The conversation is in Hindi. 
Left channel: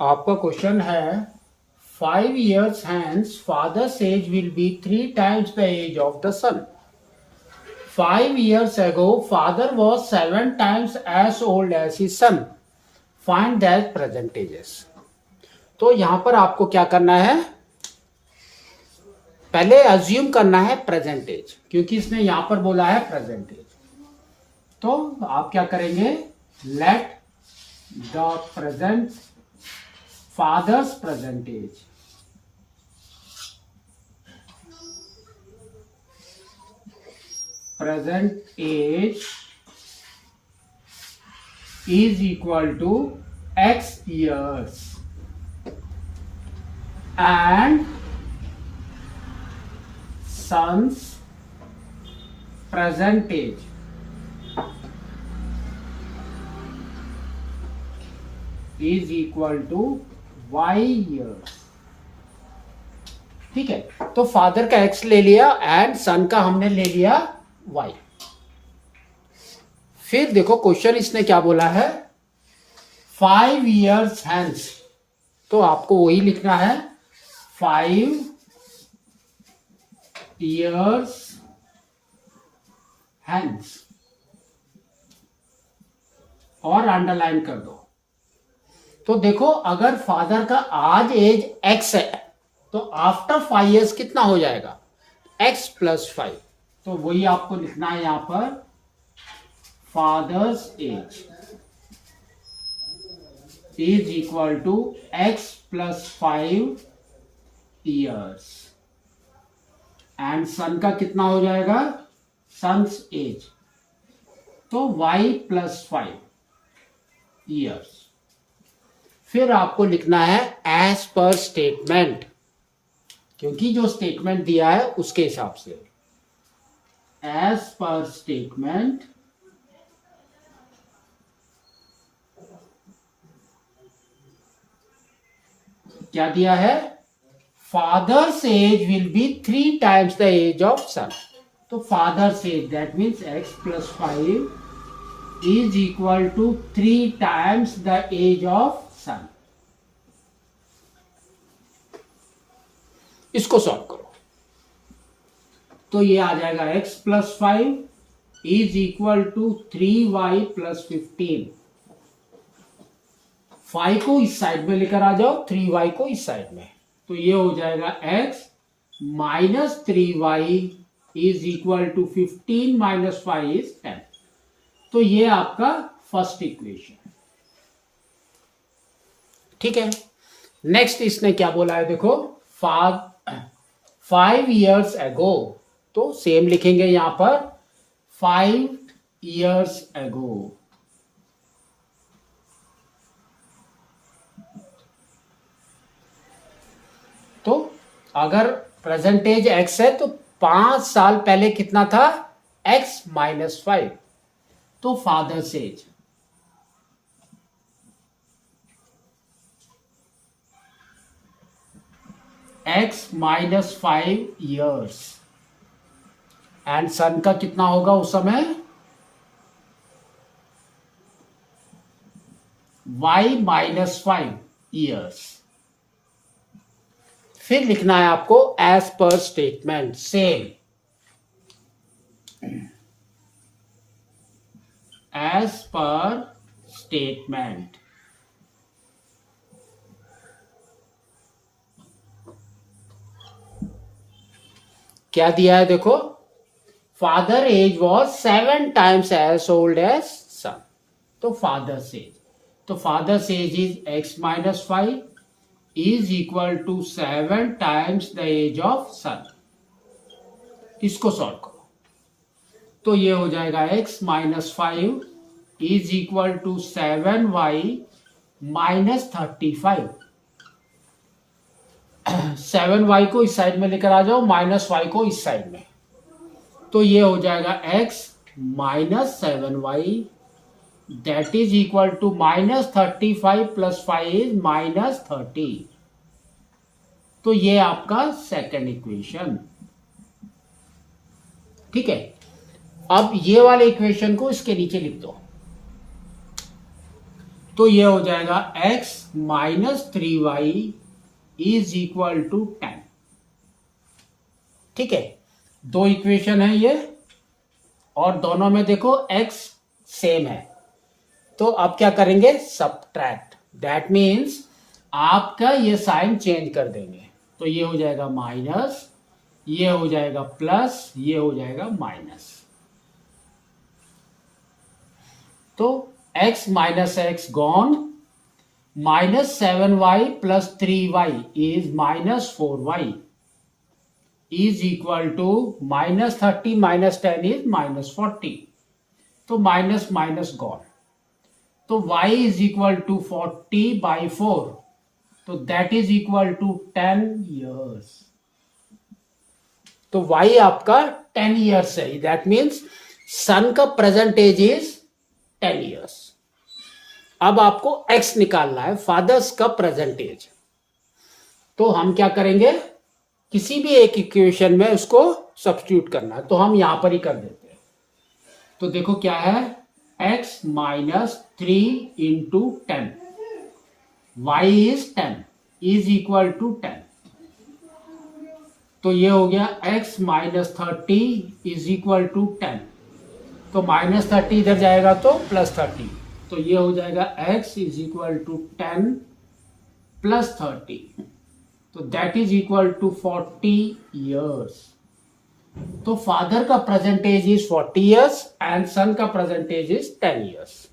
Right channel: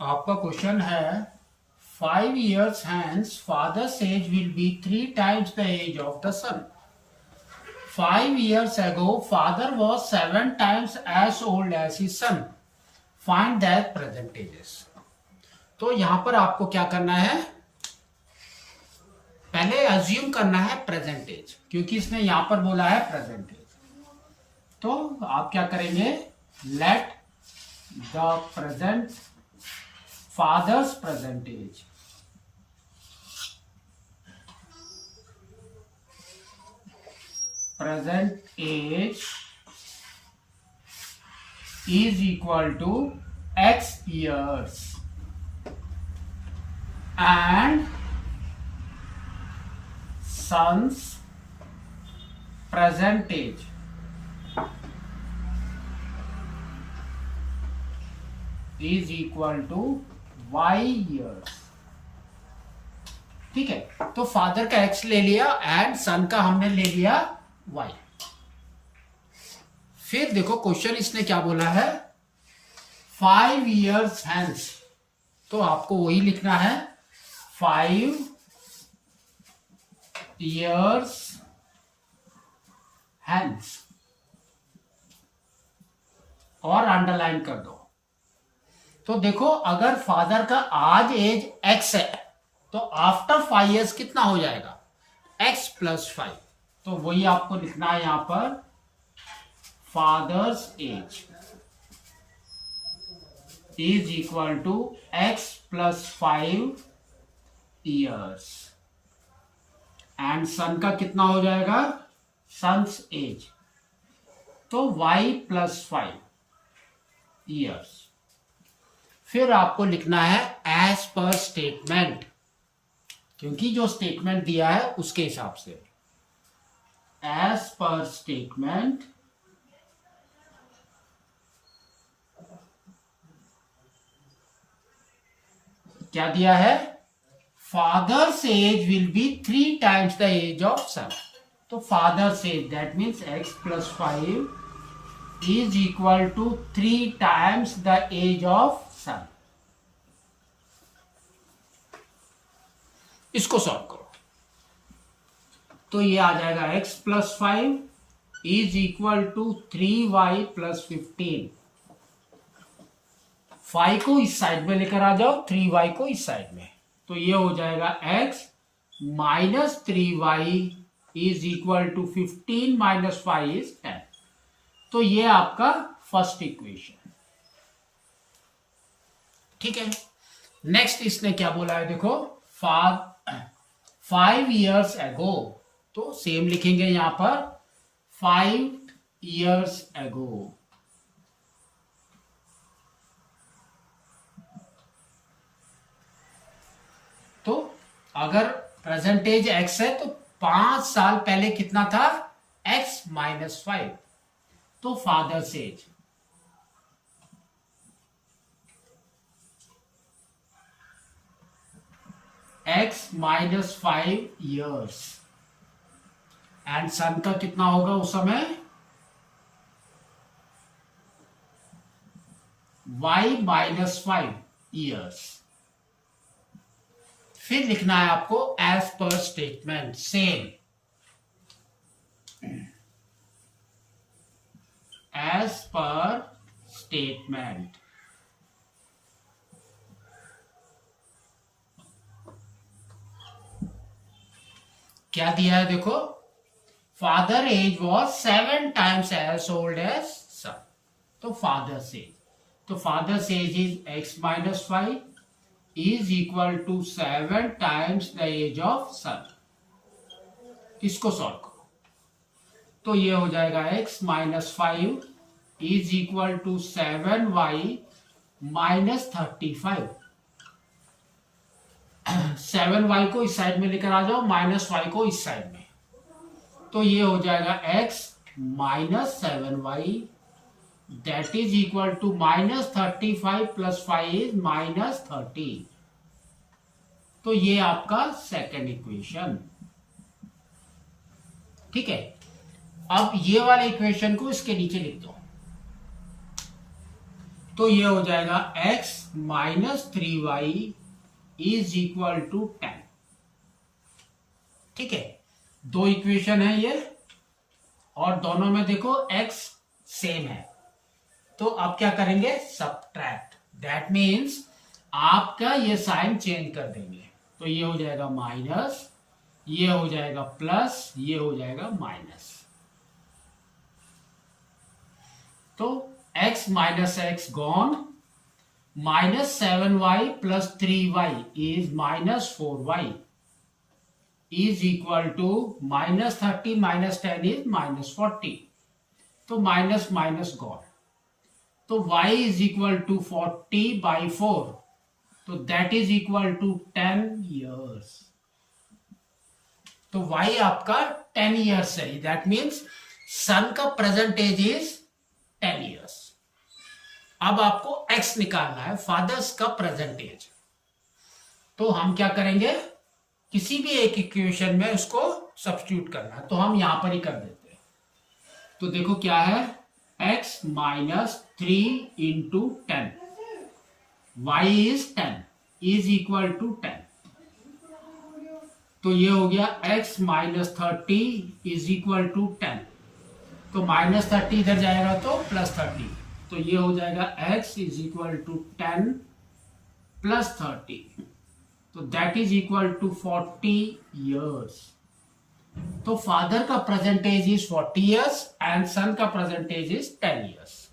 आपका क्वेश्चन है 5 years hence father's age will be 3 times the age of the son. 5 years ago father was 7 times as old as his son. Find their present ages. तो यहां पर आपको क्या करना है, पहले अज्यूम करना है प्रेजेंट एज, क्योंकि इसने यहां पर बोला है प्रेजेंट एज। तो आप क्या करेंगे, let the present father's present age is equal to x years and son's present age is equal to y years। ठीक है, तो फादर का x ले लिया एंड सन का हमने ले लिया y। फिर देखो क्वेश्चन इसने क्या बोला है, 5 years hence, तो आपको वही लिखना है 5 years hence और अंडरलाइन कर दो। तो देखो अगर फादर का आज एज x है तो आफ्टर 5 years कितना हो जाएगा, x + 5। तो वही आपको लिखना है यहां पर, father's age is equal to x + 5 years and son का कितना हो जाएगा, सन्स एज, तो y + 5 years। फिर आपको लिखना है एज पर स्टेटमेंट, क्योंकि जो स्टेटमेंट दिया है उसके हिसाब से, एज पर स्टेटमेंट क्या दिया है, father's age will be 3 times the age of son. तो father's age that means x + 5 is equal to 3 times the age of son। इसको सॉल्व करो तो ये आ जाएगा x + 5 is equal to 3y + 15। 5 को इस साइड में लेकर आ जाओ, 3y को इस साइड में, तो ये हो जाएगा x - 3y is equal to 15 - 5 is 10। तो ये आपका फर्स्ट इक्वेशन। ठीक है, नेक्स्ट इसने क्या बोला है, देखो 5 years ago, तो सेम लिखेंगे यहां पर 5 years ago। तो अगर प्रेजेंटेज x है तो 5 साल पहले कितना था, x - 5, तो father's age x - 5 years and son का कितना होगा उस समय, y - 5 years। फिर लिखना है आपको एज पर स्टेटमेंट, सेम एज पर स्टेटमेंट। क्या दिया है देखो, father age was 7 times as old as son. तो फादर्स एज, तो father's age is x - 5 is equal to 7 times the age of सन। इसको सॉल्व करो तो ये हो जाएगा x - 5 is equal to 7y - 35। 7y को इस साइड में लेकर आ जाओ, -y को इस साइड में, तो ये हो जाएगा x - 7y that is equal to -35 + 5 is -30। तो ये आपका सेकेंड इक्वेशन। ठीक है, अब ये वाले इक्वेशन को इसके नीचे लिख दो। तो ये हो जाएगा x minus 3y is equal to 10। ठीक है, दो इक्वेशन है ये और दोनों में देखो x सेम है, तो अब क्या करेंगे, सब्ट्रैक्ट। दैट मीन्स आपका ये साइन चेंज कर देंगे, तो ये हो जाएगा माइनस, ये हो जाएगा प्लस, ये हो जाएगा माइनस। तो x minus x gone, minus 7y plus 3y is minus 4y is equal to minus 30 minus 10 is minus 40। तो माइनस माइनस गॉन, तो y is equal to 40 by 4, तो that is equal to 10 years। तो y आपका 10 years है, दैट मीन्स सन का प्रेजेंट एज इज 10 years। अब आपको x निकालना है, फादर्स का प्रेजेंट एज। तो हम क्या करेंगे, किसी भी एक इक्वेशन में उसको सब्स्टिट्यूट करना है, तो हम यहां पर ही कर देते हैं। तो देखो क्या है, x minus 3 into 10, y is 10 is equal to 10। तो ये हो गया x minus 30 is equal to 10। तो माइनस 30 इधर जाएगा तो प्लस 30, तो ये हो जाएगा x is equal to 10 plus 30, तो that is equal to 40 years। तो फादर का present age is 40 years and son का प्रेजेंट एज इज 10 years।